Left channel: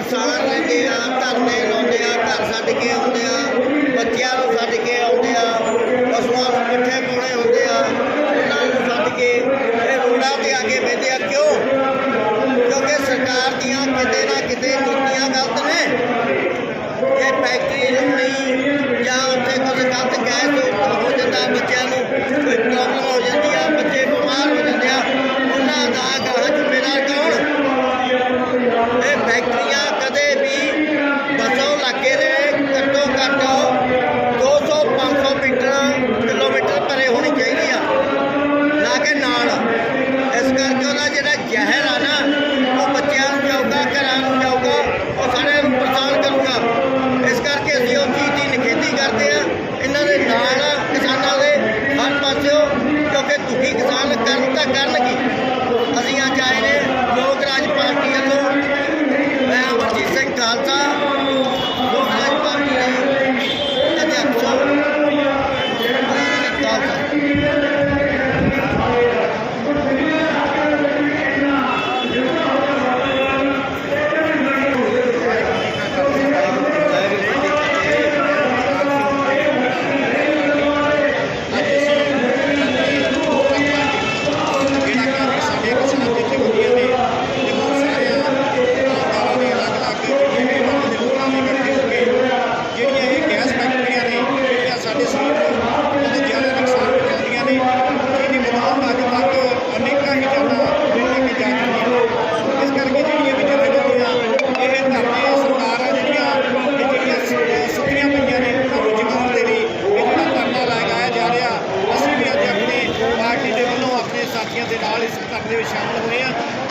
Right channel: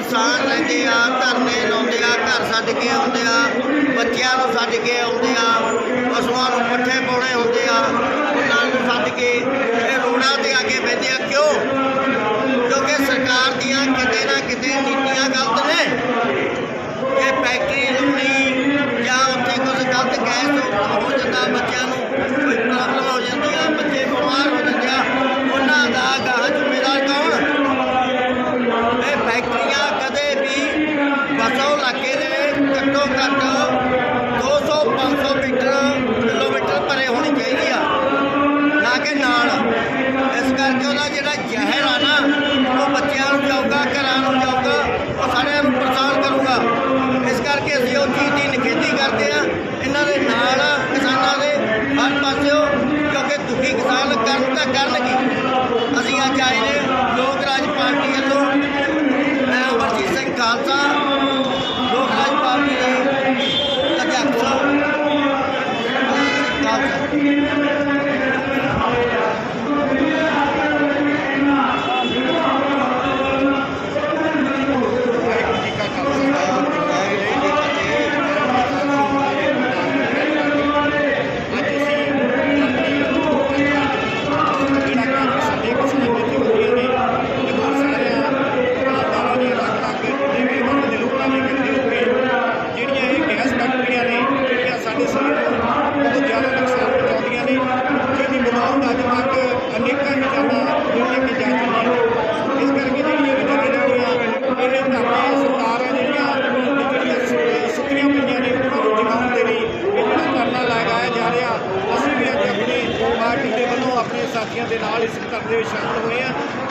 ਪਰੇਸ਼ਾਨ ਰਹਿੰਦੇ ਆ, ਧਰਨੇ ਲਾਉਂਦੇ ਆ, ਘਰ ਛੱਡ ਕੇ ਆਉਂਦੇ ਆ, ਬੱਚਿਆਂ ਨੂੰ ਛੱਡ ਕੇ ਆਉਂਦੇ ਆ, ਪਸ਼ੂਆਂ ਨੂੰ ਪੱਠੇ ਪਾਉਣੇ ਹੁੰਦੇ ਆ, ਉਹਨਾਂ ਨੂੰ ਛੱਡ ਕੇ ਇਹ ਰੋੜਾਂ ਤੇ ਆ ਕੇ ਬੈਠੇ ਆ। ਕਿਉਂ? ਕਿਉਂਕਿ ਸਰਕਾਰ ਦੀਆਂ ਕਿਤੇ ਨਾ ਕਿਤੇ ਨੀਤੀਆਂ ਗਲਤ ਨੇ। ਇਹ ਫੈਕਟਰੀ ਨੂੰ ਖਾਲਸਾ ਲੋਕ ਰਾਜ ਪਾਰਟੀ ਦੇ ਅਧਿਆਪਕ ਸਾਹਿਬ ਖਾਲਸਾ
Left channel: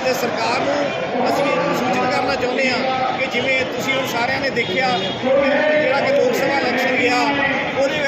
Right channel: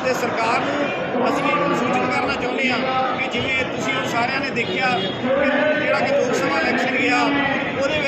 ਤੇ ਸਰਕਾਰ ਨੂੰ ਅਸੀਂ ਸੂਚਿਤ ਕਰਨਾ ਚਾਹੁੰਦੇ ਹਾਂ ਕਿ ਜਿਵੇਂ ਤੁਸੀਂ ਸਾਰਿਆਂ ਨੇ ਦੇਖਿਆ ਜਿਹੜਾ ਕਿ ਲੋਕ ਸਭਾ ਇਲੈਕਸ਼ਨ ਗਿਆ, ਉਹਦੇ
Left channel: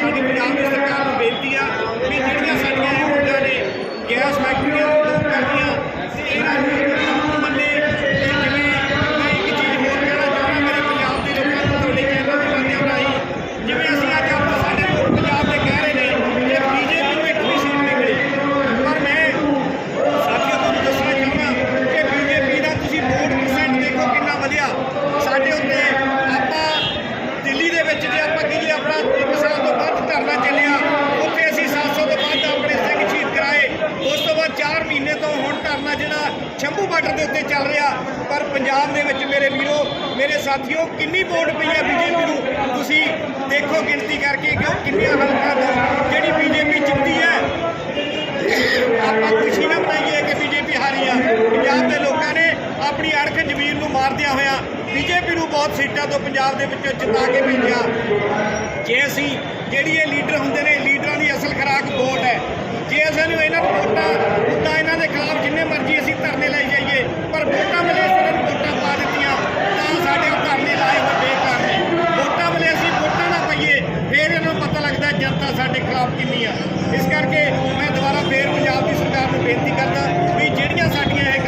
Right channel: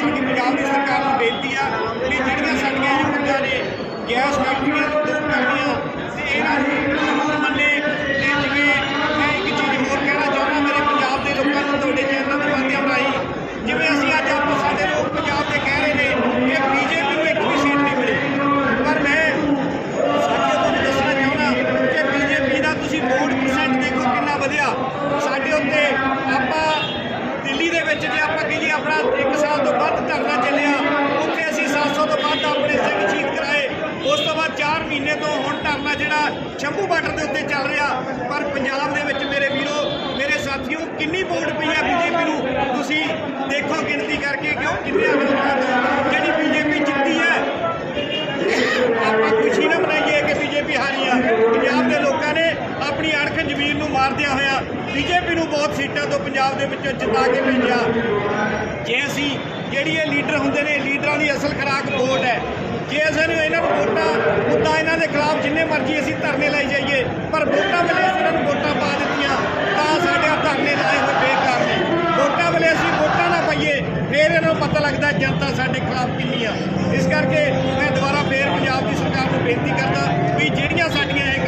शादी में आगे सरकार ਬਾਰਡਰ ਦੇ ਉੱਤੇ ਚੱਲ ਰਿਹਾ। ਪਰ ਪੰਜਾਬ ਦੇ ਵਿੱਚ ਮੇਰੇ ਵੀਰੋ, ਮੇਰੇ ਸਾਥੀਓ, ਕਿੰਨੀ ਵੋਟ ਪਈ ਹੈ ਬੀਜੇਪੀ ਨੂੰ? ਤੁਸੀਂ ਦੇਖੋ ਗਿਣਤੀ ਕਰਕੇ ਕਿ ਉਹ ਕਿੰਨੇ ਹਲਕਾਂ ਜਿਹੜੀ ਬੀਜੇਪੀ ਜਿੱਤੀ ਹੈ, ਆਪਾਂ ਖੁਸ਼ੀ ਨਾਲ ਮਨਾਈਏ ਕਿ ਬੀਜੇਪੀ ਹਾਰੀ ਆ। ਪੰਜਾਬ ਦੇ ਲੋਕਾਂ ਨੇ ਆਪਣੀ ਅਣਖ ਜ਼ਮੀਨ ਨੂੰ ਮਾਰਦਿਆਂ ਹੋਇਆ ਬੀਜੇਪੀ ਨੂੰ ਬਹੁਤ ਸੀਟਾਂ ਤੋਂ ਪੰਜਾਬ ਦੇ ਵਿੱਚੋਂ ਜਿਤਾ ਕੇ ਭੇਜਿਆ। ਜੇ ਅਸੀਂ ਜਿਹੜੀ ਇਹ ਲੀਡਰ ਹੁੰਦੇ ਨੇ, ਲੀਡਰਾਂ ਦੀ ਅਸਲ ਖਰਾਕ ਵੋਟ ਹੈ। ਜੇ ਅਸਾਂ ਨੂੰ ਇਹਨਾਂ ਨੂੰ ਵੋਟਾਂ ਉਦਾਂ ਇਹਨਾਂ ਦੇ ਫਿਰ ਇਹਨਾਂ ਨੂੰ ਪਤਾ ਲੱਗਦਾ ਜਨਤਾ ਸਾਡੇ ਖਿਲਾਫ ਕਿੰਨੀ ਆ। ਇਸ ਕਰਕੇ ਮੈਂ ਦੁਬਾਰਾ ਫੇਰ ਪੰਜਾਬ ਦੀ ਸਰਕਾਰ ਨੂੰ ਬੇਨਤੀ ਕਰਦਾ ਵੀ ਜਿਹੜੀਆਂ ਸਾਡੀਆਂ ਇਹ